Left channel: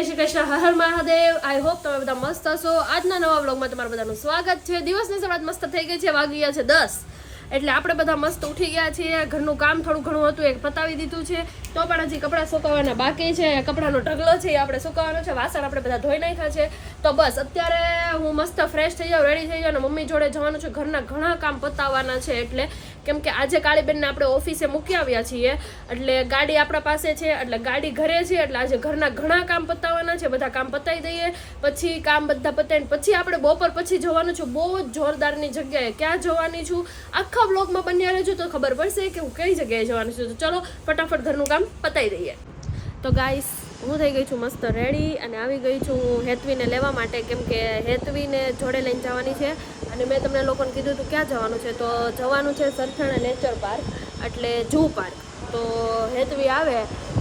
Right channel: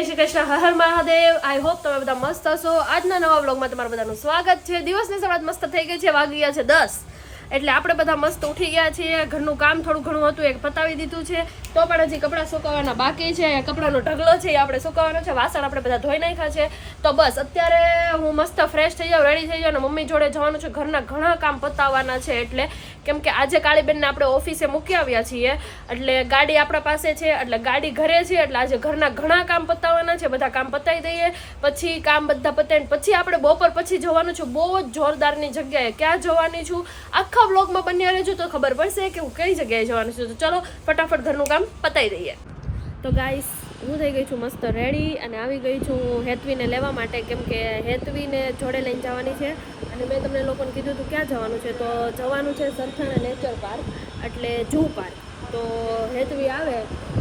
જય Shri Krishna, Har Har Mahadev. I hope તમે બધા મસ્ત હશો. આજના નવા વ્લોગમાં તમારું બધાનું સ્વાગત છે. દિવસની શરૂઆત મસ્ત થઈ ગઈ છે, વાગી ગયા છે 10. એટલે આપણે બધા મસ્ત ઉઠી ગયા છીએ. ઘરનું કામ થોડું ઘણું હતું એક પતાવી દીધું છે, તો પણ હજી કપડાં સુકવવાના બાકી છે. કપડાનો ઢગલો છે એ આપણે સુકવવાનો છે. વાસણ આપણે બધા ધોઈ નાખ્યા છે. તો બસ અત્યારે હું મસ્ત ફ્રેશ થઈ જાઉં, રેડી થઈ જાઉં અને મમ્મી જોડે જવાનું છે. ઘરના ઘણા કામ પતાવવાના છે, એટલે કેમ કે આજે કાળીબેનને આપણે ઓફિસે મૂકી આવ્યા છીએ, એટલે ગાડી આપણા પાસે છે, એટલે ગાડી ઘરે છે, એટલે આજે ઘરના ઘણા કામ પતાવવાના છે. બધા કામ પતાવી દઈએ, પછી કામ બધા પતાવીને પછી આપણે બપોર પછી જવાનું છે બહુ જ જોરદારની જગ્યાએ. ક્યાં જવાની છું આખા વ્લોગમાં બન્યા રહેજો તો ખબર પડશે કે હું કઈ જગ્યાએ જવાનું છું. તો ચલો ફટાફટ ઘરનું કામ પતાવી દઈએ. તો ગાઈસ હું થઈ ગઈ છું મસ્ત રેડી અને આવી ગઈ છું હું હેતવીને લેવા માટે, કેમ કે હેતવીને જોડે લઈને જવાની છે. અને મેં તમને લોકોને કીધું હતું ક્યાં જવાનું છે, તો જવાનું છે સરથાણા નેચર પાર્ક, એટલે જૂ પાર્ક. તો હેતવી આવે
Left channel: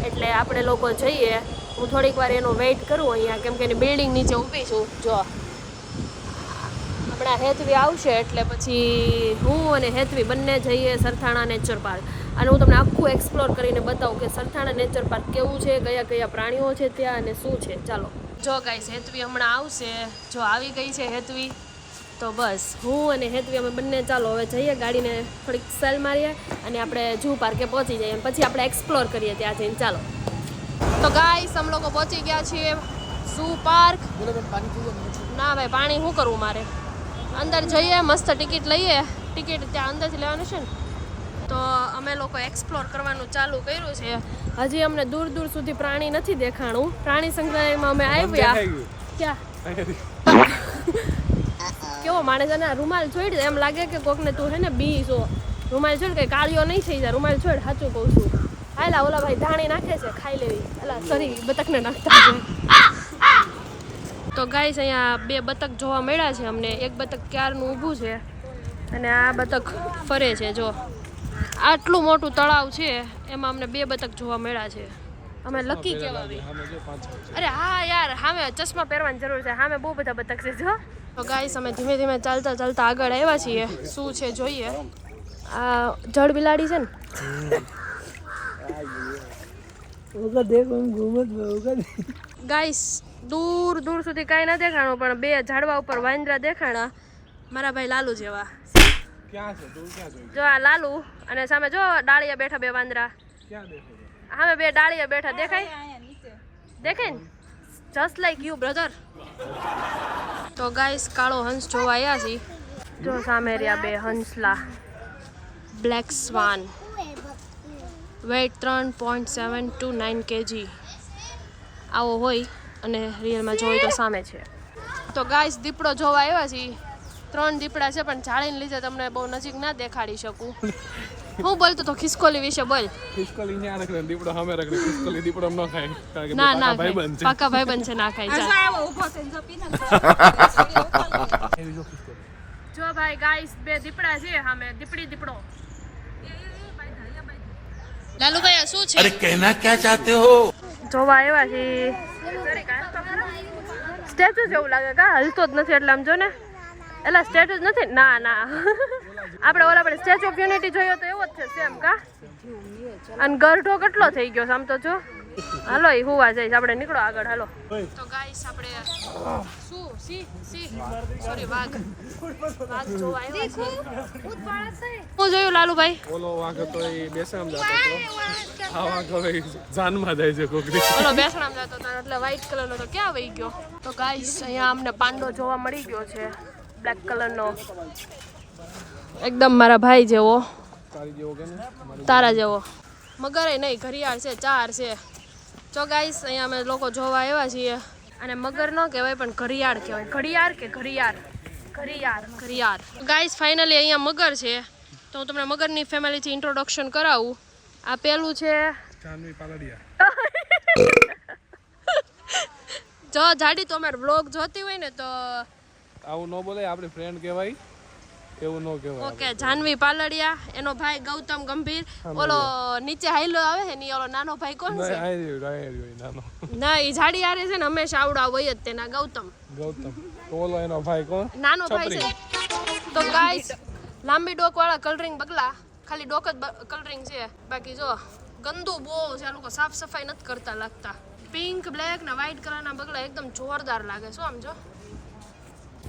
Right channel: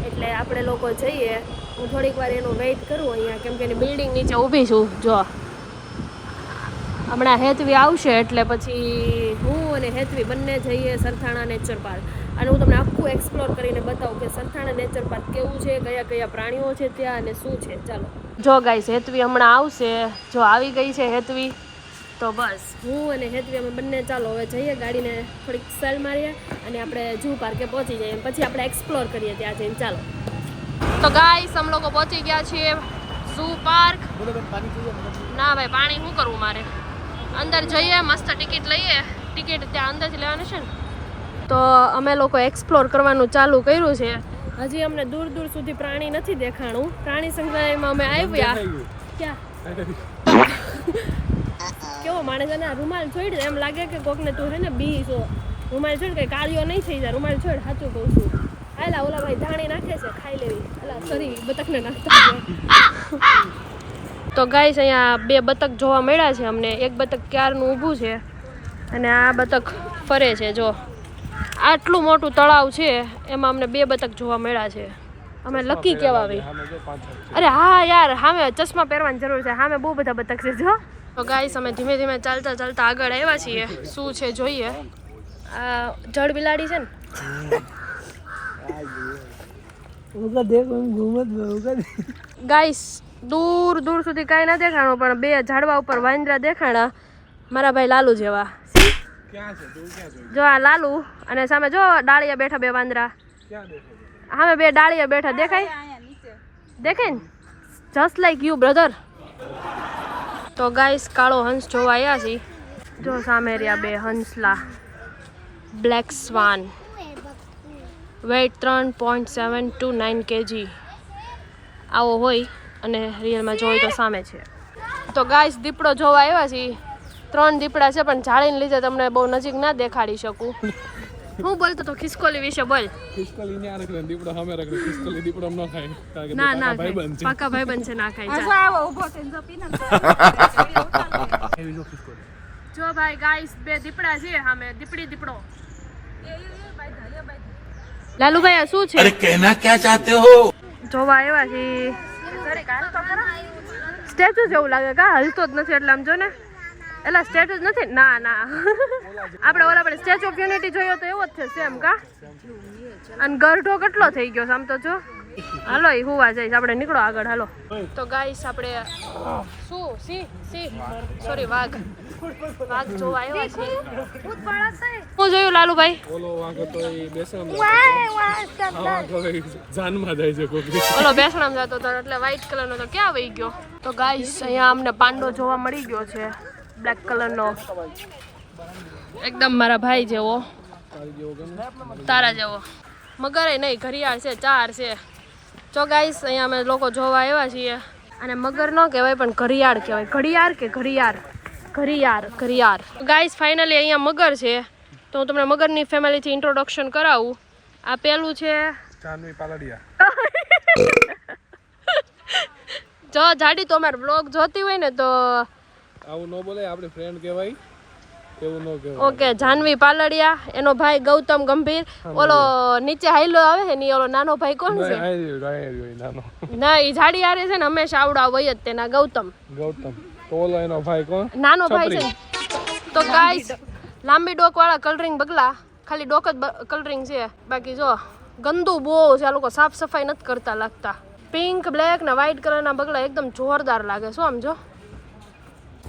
એટલે આપણે લોકો જઈએ. હું થોડીક વાર એનો વેઇટ કરું અહીંયા, કેમ કે એની બિલ્ડિંગ નીચે ઊભી છું. જો હમણાં હેતવી આવશે એટલે પછી હું અને હેતવી બંને જઈએ સરથાણા નેચર પાર્ક. અને હું તમને આખું એક્સપ્લોર કરીને બતાવું કે સરથાણા નેચર પાર્ક કેવું છે, કયા કયા પ્રાણીઓ છે ત્યાં અને શું છે. ચાલો જો ગાઈસ, હેતવી હમણાં આવશે. જો આવી ગઈ છે હેતવી. તો બસ હું અને હેતવી અમે બંને ચાલો હવે જઈએ, ગાડીને થોડીક સેલ મારીએ અને આપણે જૂ પાર્કે પહોંચી જઈએ. પછી આપણે એક્સપ્લોર કરીએ ત્યાં જઈને. ચાલો તો ગાઈસ અમે લોકો પહોંચી ગયા છીએ ઝૂ પાર્ક. ના ભાઈ, પાણી શું કરવું મારે? અંદર જઈએ, મસ્ત ટિકિટ લઈએ. ટિકિટ ત્યાં અંદરથી લેવાની છે ને. તો અમે લોકો એક્સપ્લોર કરવાનું ચાલુ કર્યું છે. હજી અમને દૂર દૂર સુધી પ્રાણી નથી દેખાણું. પ્રાણી સંગ્રહાલયમાં અમે આવ્યા ક્યાં કેવો માણસ અને રૂમાલ છોડ, એમ લાગે કે કોકને તું હે ને બી છો. રૂમાલ છોડ, કઈ કાળિયો નહીં થઈ જાય. રૂમાલ છોડ, સાચું કહું છું. હાલા ઓલા ભાઈ ધાણી નાખે છે, ખાઈ લેવી. અલા સરી બતકને નાખતા. તો ગાઈસ અહીંયા બે બતક જોવા મળ્યા છે અમને. એક બતક ક્યારનું ઊભું છે અને આ બતક ફરે છે. જો આટલું મોટું તળાવ છે, એમાં અમને બે બતક જોવા મળ્યા છે. અમે લકી કેવા ભાઈ. અરે હા યાર, સામે ચશ્મા પહેરવાની જરૂર છે. સામે બહુ બધા બતક છે. જો તો ગાઈસ અમે ધીમે ધીમે ચાલતા ચાલતા આગળ આવ્યા છીએ. શું છે જોઈએ. જળ બિલાડી છે ને ગાઈસ. દૂર દૂર સુધી કાંઈ ના દેખાણું, પણ બે ઝાડવા ઉપર વાંદરા દેખાણા, મારા ભાઈ લાલુ જેવા. જો આ લાલુ અને સામે જો ડાળિયા બેઠા બે વાંદરા. સામે બે ડાળિયા બેઠા દેખાય દેખાય ને, જસ્ટ લાઈક યુ બ્રધર. તો ગાઈસ કાળો હંસ જોવા આવ્યા છીએ. જો સામે રહ્યા બે હંસલા, બ્લેક સ્વાન, વેઇટ 3.729 kg. આવો હોય અને રિયલમાં જોઈ તો સામે છે. તો ગાઈસ દીપડો જોવા આવ્યા છીએ. 3 દીપડા છે, પણ જાળીને લીધે તમને બહુ નજીક ના દેખાડી શકું. હું બોલતો તો ખિસકોલી વિશે બોલ. ખિસકોલી ને આ રખડે, દીપડો સામે રખડે. ખિસકોલી દીપડો ન ખાય, કારણ કે ના ના ભાઈબંધ છે. પાકા ભાઈબંધ છે, ના ખાય. જો ભાઈ ગાઈસ બે દીપડા છે સામે, દીપડી દીપડો. લાલુભાઈ આ શું છે? અરે કહેના ક્યાં ચાહતે હો? જોવા આવ્યા છે. સ્ટેચ્યુ જેવું લાગે કા, હલતો જ નથી. એટલે આમ જો ને, એટલે સ્ટેચ્યુ જ નથી. ના ના આપણે ઓલા આપણે સ્ટેચ્યુ ઓફ યુનિટી જોયો તો એવો જ છે સેમ કા. અને ગરઢો કેટલો થઈ ગયો આમ તો જો. હાલો એ હુવા જઈશ, આપણે નીકળો આગળ. હાલો તો ગાઈસ આપણે વાઘ જોવા આવ્યા છે. હું જોયું લાલુભાઈ, ઓલો વાંક હતો એ બેસામ જતો હતો. આ વાંક હવે જાનમાં જાય છે કોકરી. ઓલો બેસણામ જતો હતો એટલે વ્હાઈટ કલરનો તો ક્યાં વહી ગયો. તો ગાઈસ અહીંયા અમને પાંડો જોવા મળી ગયો છે, બ્લેક કલરનો, એકદમ મારા ભાઈ જેવો, તારા જેવો. મગરે નહીં, ઘડિયાળ છે, 4 છે. તો ગાઈસ અહીંયા અમે લોકો જોવા આવ્યા છીએ. અને મગર ન કહેવાય પણ ઘડિયાળ કહેવાય. ઘડિયાળ કે ઘડિયાળ? ઘડિયાળ. ગાઈસ ફાઇનલી અહીંયા મગર છે. તો હું તમને મગરની ફેમિલીથી ઇન્ટ્રોડક્શન કરાવું. આ પેલું છે જાનવી પાલડિયા. જો જાડી તો અમારે વ્લોગ જોતી હોય ને તો આવું ન બોલે, આપણે ફ્રેન્ડ કહેવાય, એવું ન કહેવાય. ઓકે, જાનવી પાલડિયા, એનો ભાઈ ગૌતમ ગંભીર. ઓલો નીચે હાઈલો આવે છે ને, ઓલો નાનો ભાઈ કોણ છે? ના, એ જાડી આરે છે ને હંમેશા આવડા હોય જ તેના, ગૌતમ. તો ઓલો એનો ભાઈ કોણ? નાનો ભાઈ છે. તો ગાઈસ લાંબી ડોક વાળા કલરિંગ બગલા, ખાલી ડોક જ કલરિંગ છે, બાકી જો ગંદુ બહુ છે. આ લોકો સાફ સફાઈ નથી કરતા લાગતા. પિંક બ્લેક ને વ્હાઈટ કલરના બગલા એકદમ જોરદાર લાગે શું આમ જો.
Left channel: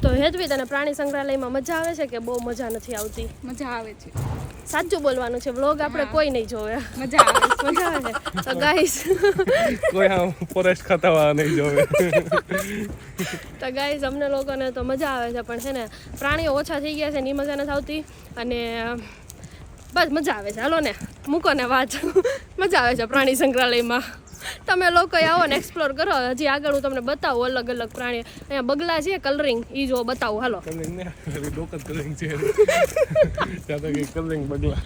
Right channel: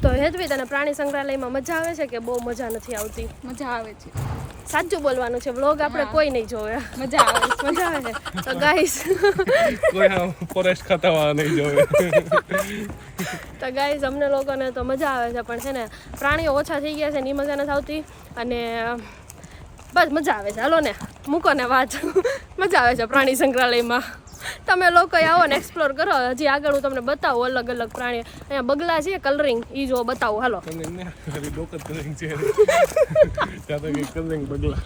તો હેતવી તને પ્રાણી સંગ્રહાલયમાં મજા આવે છે કે બહુ મજા નથી આવતી? મજા આવે છે. સાચું બોલવાનું છે, વ્લોગ આપણે કોઈ નહીં જોવે. મજા આવે છે. મજા આવે છે. તો ગાઈસ કોઈ આમ ફોરેસ્ટ ખાતાવાળા નહીં જોવે. તો ગાઈસ અમને લોકોને તો મજા આવે છે, પણ છે ને પ્રાણીઓ ઓછા થઈ ગયા છે ને એ મજા નથી આવતી. અને બસ મજા આવે છે, હાલો ને મૂકો ને વાત. મજા આવે છે પ્રાણી સંગ્રહાલયમાં. તમે લોકો આવો ને એક્સપ્લોર કરો. હજી આગળ હું તમને બતાવું અલગ અલગ પ્રાણી. અહીંયા બગલા છે કલરિંગ, એ જો બતાવું હાલો.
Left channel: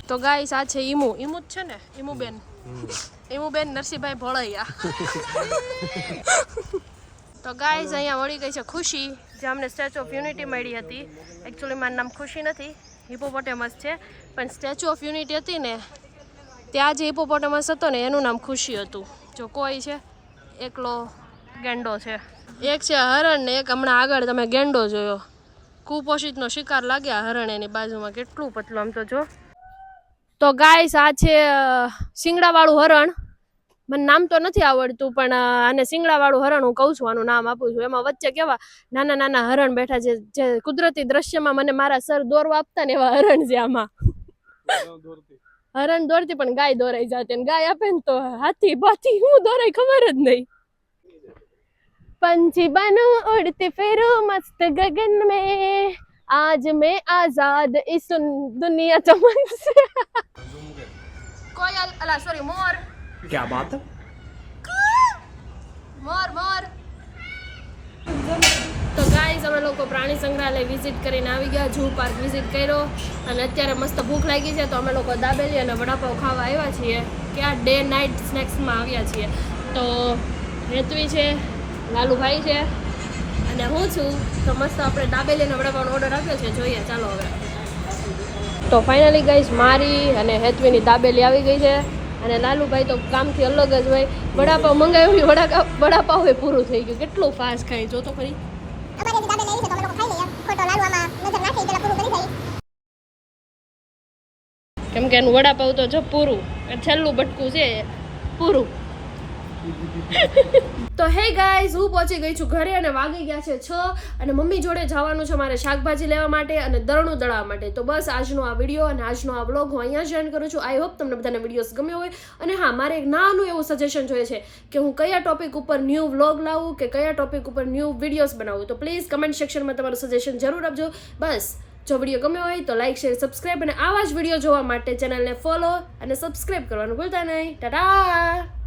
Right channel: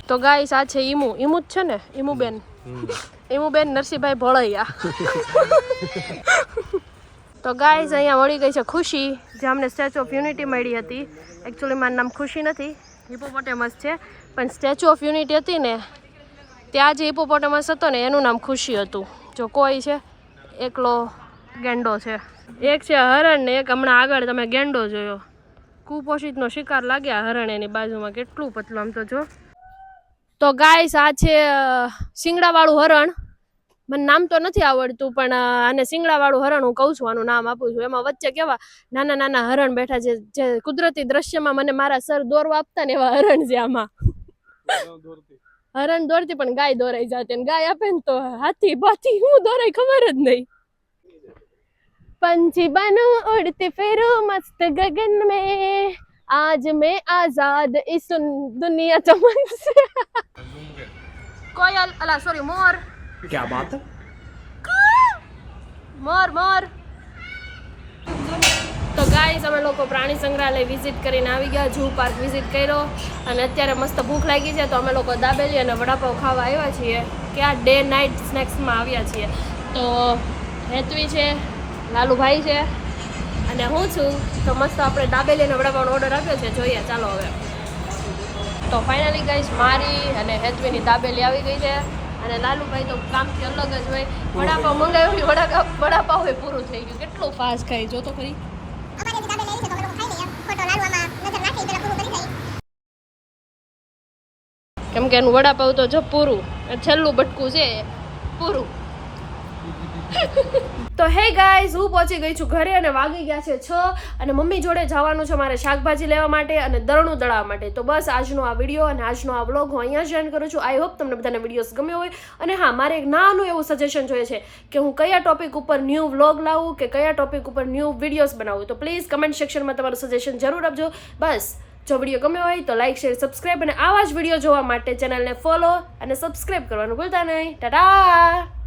તો ગાઈસ આ છે ઈમુ જ છે ને, ઈમુબેન નરસિંહભાઈ ભોળૈયા. તો ગાઈસ અહીંયા મળી ગઈ છે ખુશી, જે અમને સ્ટેચ્યુ ઓફ યુનિટી મળી હતી. એકચ્યુઅલી મારું નામ ખુશી નથી, હિપોપોટેમસ છે, પણ સ્ટેચ્યુ ઓફ યુનિટી હતી ને ત્યાં જે હિપોપોટેમસ હતો ને એનું નામ ખુશી હતું. જો કોઈ છે એકલો ગેંડો છે, એક છે હરણ ને એક હમણાં આગળ તમે ગેંડો જોયો. કુપોષિતનો શિકાર લાગ્યા હરણ એની બાજુમાં, કેટલું પતલું આમ તો જો. તો ગાઈસ આ છે શિંગડાવાળું હરણ. મને નામ તો નથી આવડતું, પણ આને શિંગડાવાળું હરણ હું કહું છું, આનું નામ આપું છું. એમાં વચ્ચે કેવા નાના નાના હરણ બેઠા છે, જે કુદરતી દ્રશ્યમાં મને મારા સર દોરવા આપતા ને એવા હરણ છે આમાં. હરણ દોરતી પણ ગાય દોરાઈ જાતી, ને ગાય આપે ને તો હાથી બાથી હું દોરાઈ ખબર જ નહીં. पंछी बनो उड़ते फिरो मस्त गगन में, आज मैं आजाद इस दुनिया चमन से. कोयल अला सॉरी मोर. क्या बात है? મોર મોર. તો ગાઈસ અમે લોકો પ્રાણી સંગ્રહાલય વિઝિટ કરીને આવી ગયા, ઝૂ પાર્ક વિઝિટ કર્યો, અને અત્યારે મસ્ત ભૂખ લાગી છે તો અમે લોકો દાબેલી અને વડાપાવ ખાવા આવ્યા છીએ. કે આ ડે નાઇટ સ્નેક્સમાં આવ્યા છીએ. તો હેતવી છે, લાલુભાઈ છે અને હું છું. તો મસ્ત આપણે દાબેલી અને વડાપાવનો ઓર્ડર આપ્યો છે, જોઈએ ચાલો હવે. તો ફાઇનલી ગાઈસ મારી અને હેતવીની દાબેલી આવી ગઈ છે, અને નાનુભાઈ તો કામથી અલગ જ હોય. વડાપાવ મંગાવ્યું ને વડાપાવ પૂરું થઈ ગયું. કેટલું ફાસ્ટ ખાઈ જો તો ખરી. કેમ કે એનું વડાપાવ તો જો પૂરું, છેલ્લું બટકું છે પૂરું. તો હે ગાઈઝ, હું પહોંચી ગઈ છું ઘરે અને વાગી ગયા છે 6, અને મમ્મી જોડે જવાનું છે મારે શાકભાજી લેવા માટે અને દરણું દળાવવા માટે. તો બસ આજનો આ વિડીયો અને આજનો આ વ્લોગ હું અહીંયા જ એન્ડ કરું છું. આઈ હોપ તમને બધાને વિડીયોઝ ગમ્યો હોય. અને હા, મારે એક નાનું એવું સજેશન જોઈએ છે કે હું કયા ટોપિક ઉપર ન્યૂ વ્લોગ લાવું કે કયા ટોપિક ઉપર ન્યૂ વિડીયોઝ બનાવું. તો પ્લીઝ કમેન્ટ સેક્શનમાં તમારું સજેશન જરૂર આપજો. બસ જો વિડીયો ગમ્યો હોય તો લાઇક શેર સબસ્ક્રાઈબ, અને આવા જ વિડીયો જોવા માટે ચેનલને ફોલો અને સબસ્ક્રાઈબ કરવાનું ભૂલતા નહીં. ટાટા.